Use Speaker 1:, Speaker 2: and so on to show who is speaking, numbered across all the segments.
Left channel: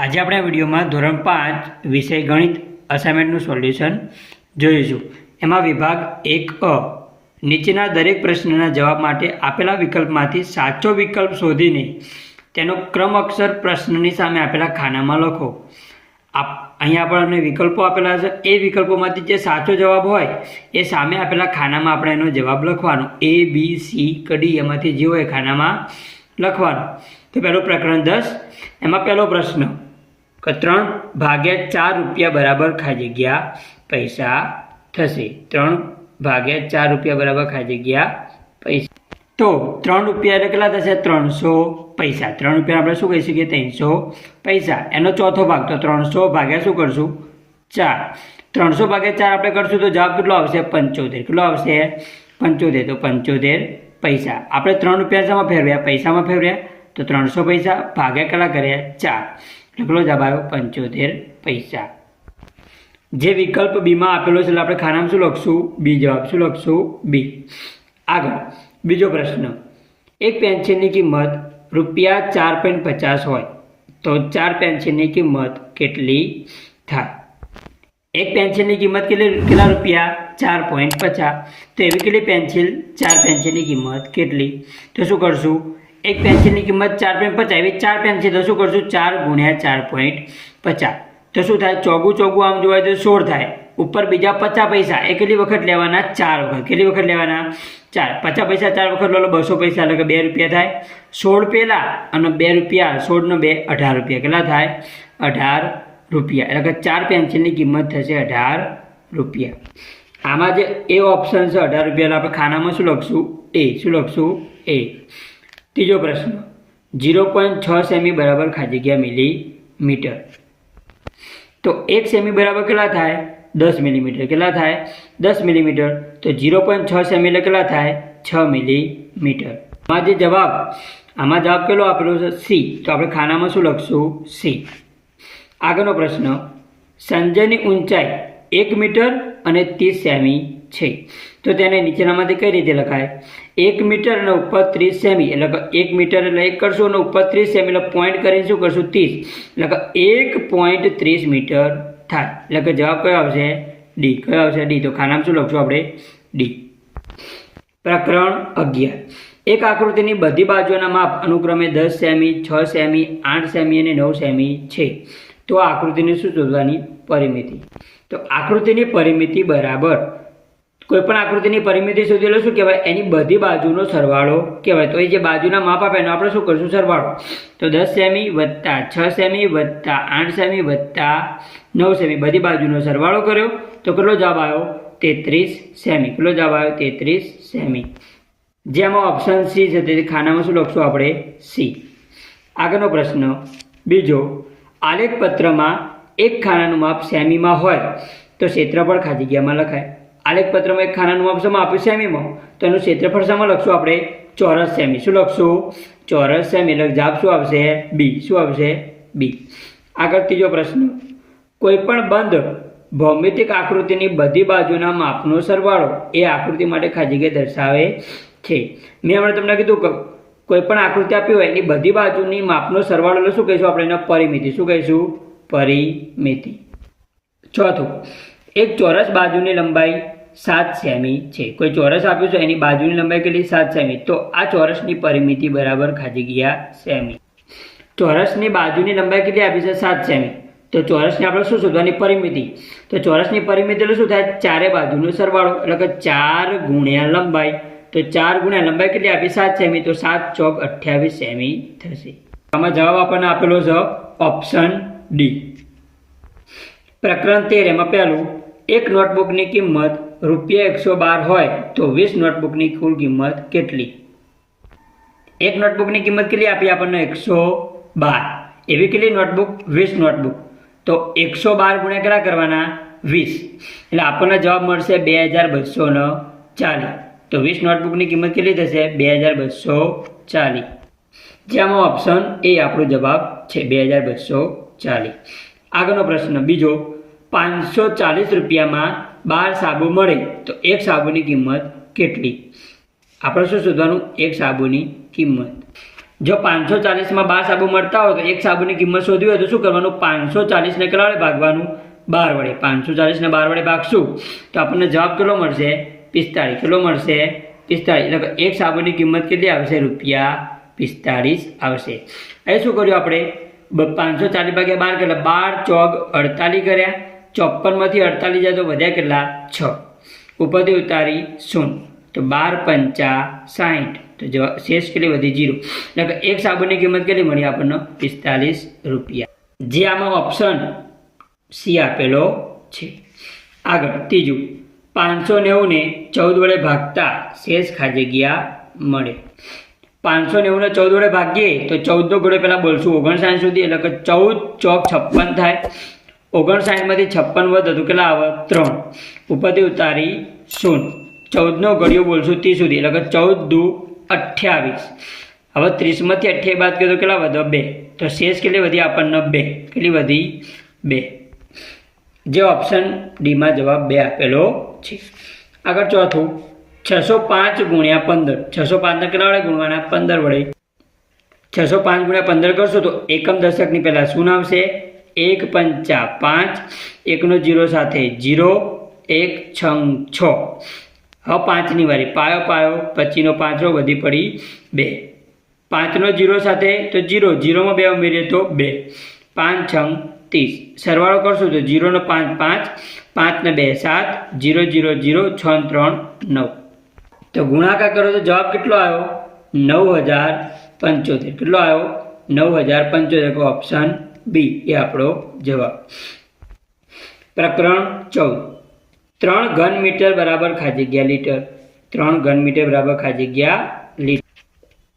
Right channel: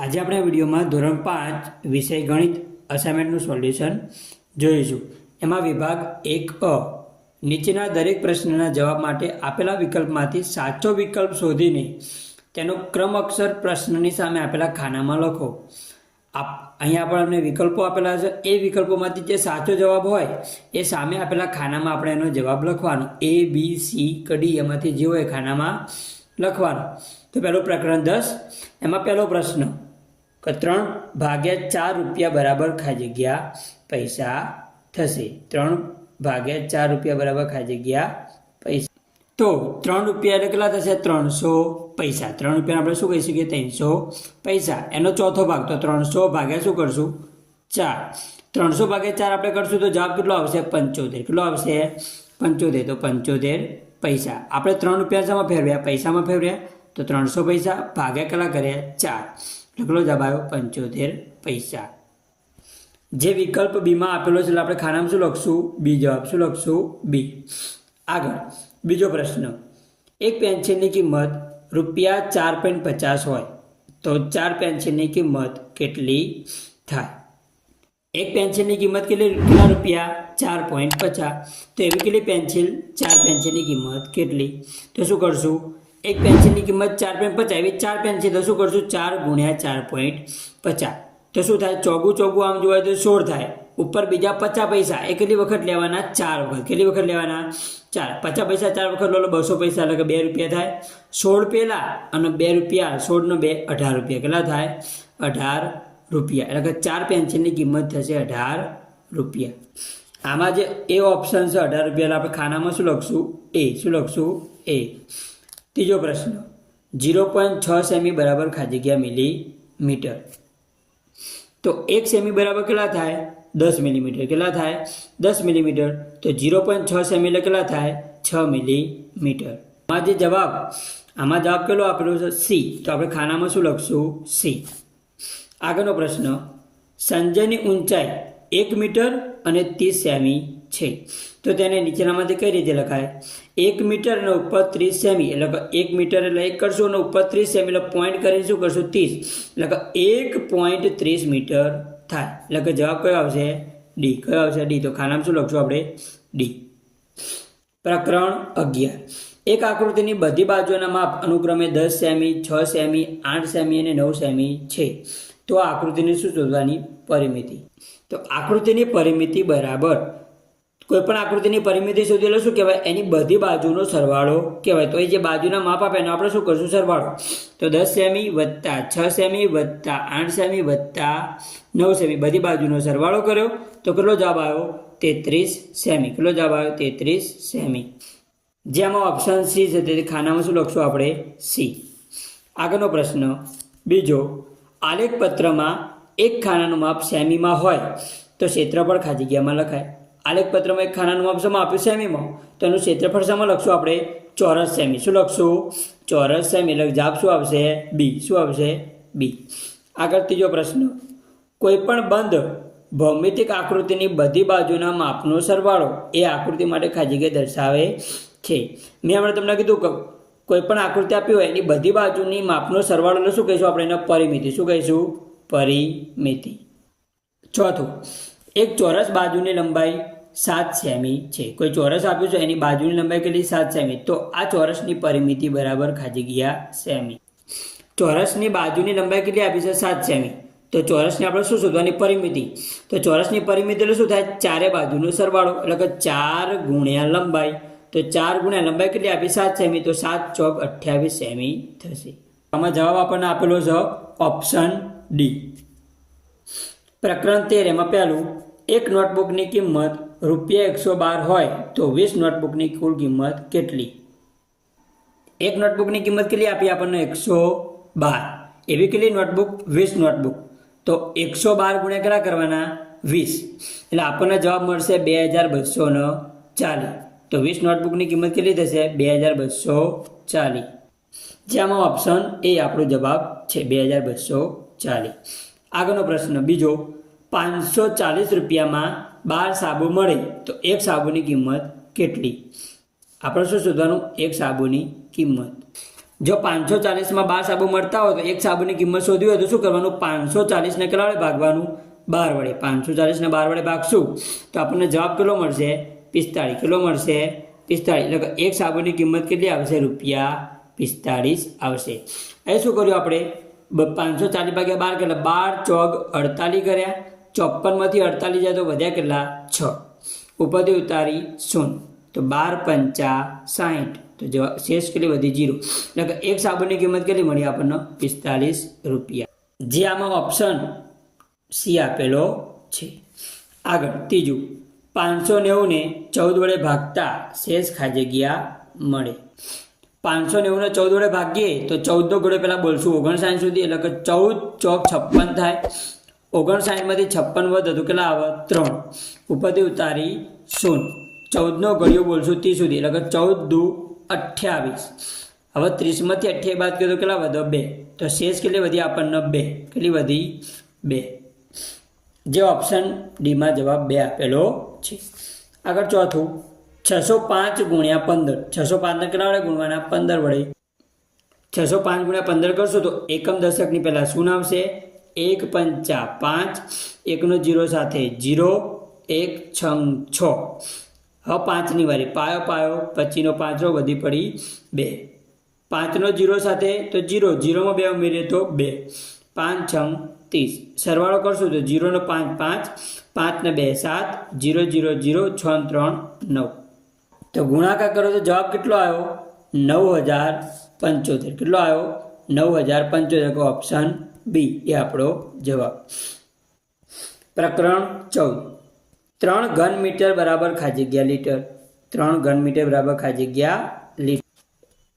Speaker 1: આજે આપણે આ વિડીયોમાં ધોરણ પાંચ વિષય ગણિત અસાઇનમેન્ટનું સોલ્યુશન જોઈશું. એમાં વિભાગ એક અ. નીચેના દરેક પ્રશ્નના જવાબ માટે આપેલા વિકલ્પમાંથી સાચો વિકલ્પ શોધીને તેનો ક્રમ અક્ષર પ્રશ્નની સામે આપેલા ખાનામાં લખો. આપ, અહીંયા આપણને વિકલ્પો આપેલા છે. એ વિકલ્પોમાંથી જે સાચો જવાબ હોય, એ સામે આપેલા ખાનામાં આપણે એનો જવાબ લખવાનો. એ, બી, સી, કડી એમાંથી જે હોય ખાનામાં લખવાનો. તો પહેલું પ્રકરણ દસ. એમાં પહેલો પ્રશ્ન કે ત્રણ ભાગ્યા ચાર રૂપિયા બરાબર ખાઈ જગ્યા પૈસા થશે. ત્રણ ભાગ્યા ચાર રૂપિયા બરાબર ખાઈ જગ્યા પૈસા. તો ત્રણ રૂપિયા એટલે કેટલા થશે? ત્રણસો પૈસા. ત્રણ રૂપિયા આપણે શું કહી શકીએ? ત્રણસો પૈસા. એનો ચોથો ભાગ. તો ત્રણસો ભાગ્યા શું કરશું? ચાર. ત્રણસો ભાગ્યા ચાર આપણે કરશું તો જવાબ કેટલો આવશે? પંચોતેર. કેટલો આવશે? પંચોતેર. તો પંચોતેર પૈસા. આપણે ત્રણ રૂપિયા શામાં ફેરવ્યા? પૈસામાં ફેરવ્યા. તો ત્રણસો પૈસા ભાગ્યા કેટલા કર્યા? ચાર. જવાબ આવ્યો પંચોતેર પૈસા. જે વિકલ્પ બીમાં આપેલો છે, એટલે આપણે ખાનામાં શું લખશું? બી જવાબ શું લખશું? બી આગળ, બીજો પ્રશ્ન. એક પેન્સિલની કિંમત રૂપિયા ચાર પોઈન્ટ પચાસ હોય, તો ચાર પેન્સિલની કિંમત કેટલી થાય? એક પેન્સિલની કિંમત કેટલી, કેટલા રૂપિયા? ચાર પોઈન્ટ પચાસ. તો એવી કેટલી પેન્સિલ? ચાર પેન્સિલની કિંમત કેટલી? તો શું કરશું? એક પેન્સિલની કિંમત ચાર પોઈન્ટ પચાસ એવી ચાર પેન્સિલ તો શું કરશું? ચાર ગુણ્યા ચાર પોઈન્ટ પચાસ. તો શું થાય? ચોગું ચોગું આમ જોવાય તો સોળ થાય. ઉપર બીજા પચાસ પૈસા. એ કેટલી વખત લેવાના? ચાર વખત. કેટલી વખત લેવાના? ચાર. પચાસ પૈસા ચાર વખત લો બસો પૈસા એટલે કે બે રૂપિયા થાય. સોળ પહેલાં અને બે રૂપિયા. સોળનો બે, અઢાર રૂપિયા. કેટલા થાય? અઢાર રૂપિયા. એટલે કે ચાર પેન્સિલની કિંમત થશે અઢાર રૂપિયા. આમાં જે એ ઓપ્શન છે, અઢાર રૂપિયા આપણે ખાનામાં શું લખશું? એ શું લખશું? એ ત્રીજો પ્રશ્ન. જીરો પોઈન્ટ છ સેમી બરાબર ખાલી જગ્યા મિલીમીટર તો એક સેમી બરાબર કેટલા થાય? દસ મિલીમીટર. કેટલા થાય? દસ મિલીમીટર. તો જીરો પોઈન્ટ છ સેમી એટલે કેટલા થાય? છ મિલીમીટર. આમાં જે જવાબ? આમાં જવાબ કેટલો આપેલો છે? સી. તો આપણે ખાનામાં શું લખશું? સી. આગળનો પ્રશ્ન. સંજયની ઊંચાઈ એક મીટર અને ત્રીસ સેમી છે. તો તેને નીચેનામાંથી કઈ રીતે લખાય? એક મીટર અને ઉપર ત્રીસ સેમી, એટલે એક મીટર એટલે એક કરશું અને ઉપર ત્રીસ સેમી, એટલે પોઈન્ટ કરીને શું કરશું? ત્રીસ. એટલે એક પોઈન્ટ ત્રીસ મીટર થાય. એટલે કે જવાબ કયો આવશે? ડી કયો આવશે? ડી તો ખાનામાં શું લખશું આપણે? ડી પ્રકરણ અગિયાર. એક આકૃતિની બધી બાજુઓના માપ અનુક્રમે દસ સેમી, છ સેમી, આઠ સેમી અને નવ સેમી છે. તો આકૃતિની શું શોધવાની પરિમિતિ? તો આકૃતિની પરિમિતિ બરાબર કોઈ પણ આકૃતિની પરિમિતિ શોધી એટલે કહેવાય એની બધી બાજુનો સરવાળો કહેવાય. તો એ જે બાજુના માપ આપે એનો આપણે શું કરશું? સરવાળો. તો દસ સેમી વત્તા છ સેમી વત્તા આઠ સેમી વત્તા નવ સેમી. બધી બાજુનો સરવાળો કર્યો. તો કેટલો જવાબ આવ્યો? તેત્રીસ સેમી. કેટલો જવાબ આવ્યો? તેત્રીસ સેમી. જેમાં ઓપ્શન સી છે તેથી ખાનામાં શું લખશું આપણે? સી આગળનો પ્રશ્ન. બીજો આલેખ પત્રમાં એક ખાનાનું માપ સેમીમાં હોય તો ક્ષેત્રફળ ખાલી જગ્યામાં લખાય. આલેખ પત્રમાં એક ખાનાનું માપ શેમાં આપ્યું સેમીમાં. તો એનું ક્ષેત્રફળ સમા લખશું આપણે? ચોરસ સેમી. શું લખશું? ચોરસ સેમી. એટલે જવાબ શું આવશે? બી. શું આવશે? બી. આગળ ત્રીજો પ્રશ્ન. કોઈપણ બંધ ભૌમિતિક આકૃતિની બધી બાજુના માપનો સરવાળો એ આકૃતિ માટે ખાલી દર્શાવે છે. મેં હમણાં તમને કીધું કે કોઈ પણ આકૃતિ આપી હોય એની બધી બાજુની માપનો સરવાળો, એટલે શું કહીશું આપણે? એને પરિમિતિ. શું કહીશું? પરિમિતિ. ચોથું. એક ચોરસ બાજુની લંબાઈ સાત સેમી છે. કોઈ ચોરસ આપ્યું છે, એની બાજુની લંબાઈ કેટલી? સાત સેમી. તો આ ચોરસની પરિમિતિ બરાબર ખાજી ગયા સેમી. ચોરસની બાજુની લંબાઈ કેટલી આપી છે? સાત સેમી. તો ચોરસની આપણે શું શોધવાની પરિમિતિ? તો ચોરસની પરિમિતિ એટલે શું થાય? ચારે બાજુનો સરવાળો, એટલે કે ચાર ગુણ્યા લંબાઈ. તો ચાર ગુણ્યા લંબાઈ કેટલી આપી? સાત સેમી. તો સાત ચોક અઠ્યાવીસ સેમી થશે. આમાં જવાબ આપણને આપેલો છે ઓપ્શન ડી. પ્રકરણ તેર, એમાં પહેલું એક નોટબુકની કિંમત રૂપિયા એકસો બાર હોય તો વીસ નોટબુકની કુલ કિંમત કેટલી? એક નોટબુકની કિંમત કેટલી આપી આપણને? એકસો બાર. એવી કેટલી નોટબુક? વીસ નોટબુક. તો એકસો બાર ગુણ્યા કેટલા કરવાના? વીસ. એટલે આપણને જવાબ મળશે બે હજાર બસો ને ચાલીસ. તો વીસ નોટબુકની કિંમત કેટલી થશે? બે હજાર બસો ચાલીસ. જેમાં ઓપ્શન એ આપણો જવાબ છે બે હજાર બસો ચાલીસ. આગળનો પ્રશ્ન બીજો. પાંચસો ચાલીસ રૂપિયામાં બાર સાબુ મળે તો એક સાબુની કિંમત કેટલી? આપણે શું શોધવાનું? એક સાબુની કિંમત. જો પાંચસો ચાલીસમાં બાર સાબુ મળતા હોય તો એક સાબુની કિંમત શોધવી હોય તો શું કરવાનું? પાંચસો ચાલીસને કેટલા વડે ભાગવાનું બાર વડે. પાંચસો ચાલીસને બાર વડે ભાગશું તો આપણને જવાબ કેટલો મળશે? પિસ્તાળીસ. કેટલો મળશે? પિસ્તાળીસ. એટલે એક સાબુની કિંમત કેટલી આવશે? રૂપિયા પિસ્તાળીસ આવશે. અહીં શું કર્યું આપણે? પાંચસો ચાલીસ ભાગ્યા બાર કેટલા? બાર ચોક અડતાલીસ કર્યા. ચોપનમાંથી અડતાલીસ જાય તો વધ્યા કેટલા? છ. ઉપરથી ઉતારી શૂન્ય. તો બાર પંચા સાહીઠ. તો જવાબ શેષ કેટલી વધી? જીરો એટલે એક સાબુની કિંમત કેટલી મળી આપણને? પિસ્તાલીસ રૂપિયા. જે આમાં ઓપ્શન સી આપેલો છે. આગળ ત્રીજું. પાંચસો નેવુંને ચૌદ વડે ભાગતા શેષ ખાજગ્યા મળે. પાંચસો નેવુંને ચૌદ વડે ભાગીએ તો ચૌદનો ઘોડે પહેલાં બોલશું. ઓગણસાઠ સુધી એટલે કે ચૌદ ચોક છપ્પન થાય. ઓગણસાઠમાંથી છપ્પન વધ તો કેટલા આવે? ત્રણ. ઉપરથી ઉતારી શૂન્ય. ચૌદનો ઘડિયો બોલશું ત્રીસ સુધી. એટલે કે ચૌદ દુ અઠ્યાવીસ. હવે ત્રીસમાંથી અઠ્યાવીસ બાદ કરીએ તો કેટલા વધે? બે. તો શેષ કેટલી વધી? આપણને બે. કેટલી વધી? બે. જે ઓપ્શન ડીમાં જવાબ બે આપેલો છે. આગળ ચોથું. છસો પાંચ ગુણ્યા પંદર. છસો પાંચને કેટલા વડે ગુણવાના? પંદર વડે. છસો પાંચ ગુણ્યા પંદર કરશો તો એકમ દશકની પહેલાં શું આવશે? એક પંચા પાંચ, એકનો જીરો સાથે જીરો, એક છંગ છ. હવે પાંચની વારી. પાયો પાયો પચીનો પાંચનો વધી પડી બે. પાંચનો જીરો સાથે તો જીરો. જીરોમાં બે ઉમેરીએ તો બે. પાંચ, છંગ, ત્રીસ. સરવાળો કરશો તો જીરોનો પાંચ પાંચ. પાંચને બે, સાત. જીરો જીરો જીરો, છ, ત્રણ, નવ. તો ગુણાકાર કરો તો જવાબ કેટલો આવ્યો? નવ હજાર પંચોતેર. કેટલો આવ્યો? નવ હજાર પંચોતેર. ઓપ્શન બી એ આપણો જવાબ પ્રકરણ ચૌદ ત્રણ ઘન મીટર બરાબર ખાજગ્યા લીટર ત્રણ ઘન મીટર બરાબર ખાજગ્યા લીટર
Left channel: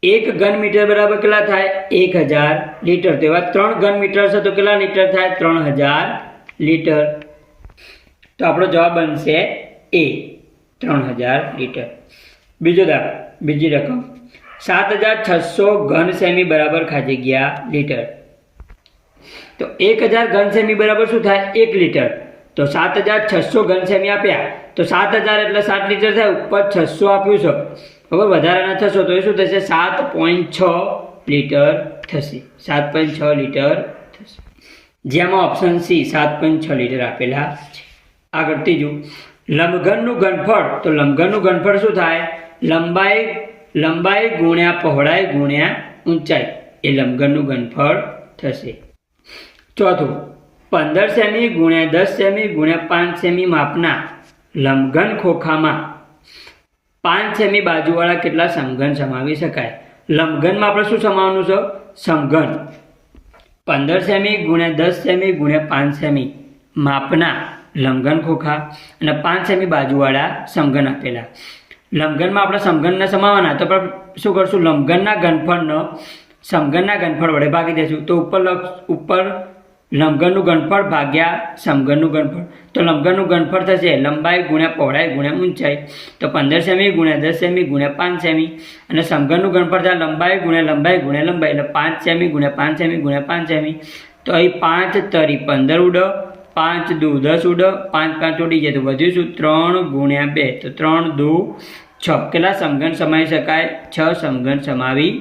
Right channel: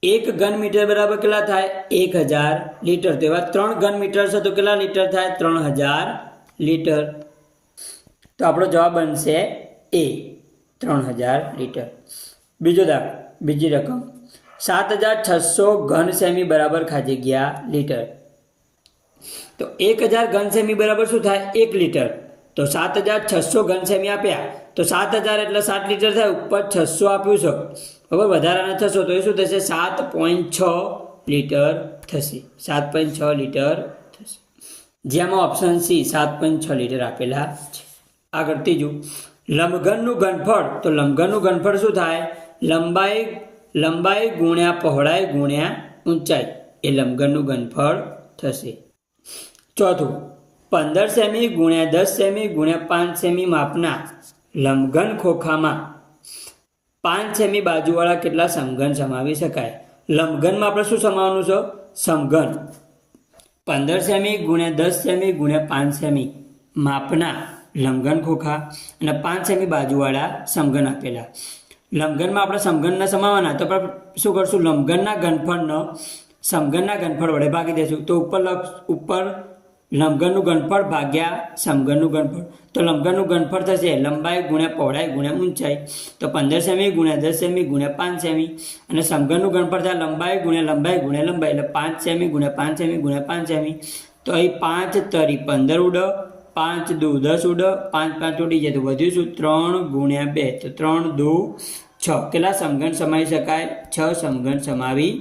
Speaker 1: એક ઘન મીટર બરાબર કેટલા થાય એક હજાર લીટર તો એવા ત્રણ ઘન મીટર છે તો કેટલા લીટર થાય ત્રણ હજાર લીટર તો આપણો જવાબ બનશે એ ત્રણ હજાર લીટર બીજો દાખલો બીજી રકમ સાત હજાર છસો ઘન સેમી બરાબર ખાજગ્યા લીટર તો એક હજાર ઘન સેમી બરાબર શું થાય? એક લીટર. તો સાત હજાર છસો ઘન સેમી આપ્યા. તો સાત હજાર એટલે સાત લીટર થાય, ઉપર છસો આપ્યું છે. હવે વધારાના થશો તો એ શું થશે? સાત પોઈન્ટ છ લીટર થશે. સાત પોઈન્ટ છ લીટર થશે. જેમાં ઓપ્શન સી સાત પોઈન્ટ છ લીટર આપેલા છે. આગળ ત્રીજું. લંબઘનનું ઘનફળ. તો લંબઘનનું ઘનફળ શું થાય? લંબાઈ લંબાઈ ગુણ્યા પહોળાઈ ગુણ્યા ઊંચાઈ. એ લંબઘનનું ઘનફળ થશે. ચોથું, પંદર સેમી ગુણ્યા દસ સેમી ગુણ્યા પાંચ સેમી માપના લંઘન ખોખામાં પાંચ સેમી બાજુવાળા કેટલા સમઘન સમાવી શકાય? લંઘનમાં આપણે શું સમાવવાનું છે? સમઘન. પંદર સેમી ગુણ્યા દસ સેમી ગુણ્યા પાંચ સેમી માપના લંઘન ખોખા અને પાંચ સેમી બાજુવાળા સમઘન આપેલા. લંઘનમાં આપણે સમઘનને સમાવવાના, તો આપણે શું કરશું? લંઘનના ઘનફળનો, સમઘનના ઘનફળ વડે ભાગી દઈશું તો ઉપર ઉપર લંબઘનનું ઘનફળ ભાગ્યા સમઘનનું ઘનફળ તો લંબઘનનું ઘનફળ થશે, લંબાઈ ગુણ્યા પહોળાઈ ગુણ્યા ઊંચાઈ. તો પંદર સેમી ગુણ્યા દસ સેમી ગુણ્યા પાંચ સેમી. અને સમઘનનું ઘનફળ થાય લંબાઈ ગુણ્યા લંબાઈ ગુણ્યા લંબાઈ, એટલે પાંચ સેમી ગુણ્યા પાંચ સેમી ગુણ્યા પાંચ સેમી. તો અહીં પાંચ તરી પંદર ઉડ, પાંચ દુ દસ ઉડ, પાંચ પાંચ ઉડી જાય તો વધ્યું શું? ત્રણ ગુણ્યા બે. તો ત્રણ દુ છ. કેટલા સમઘન સમાવી શકાય? છ સમઘન સમાવી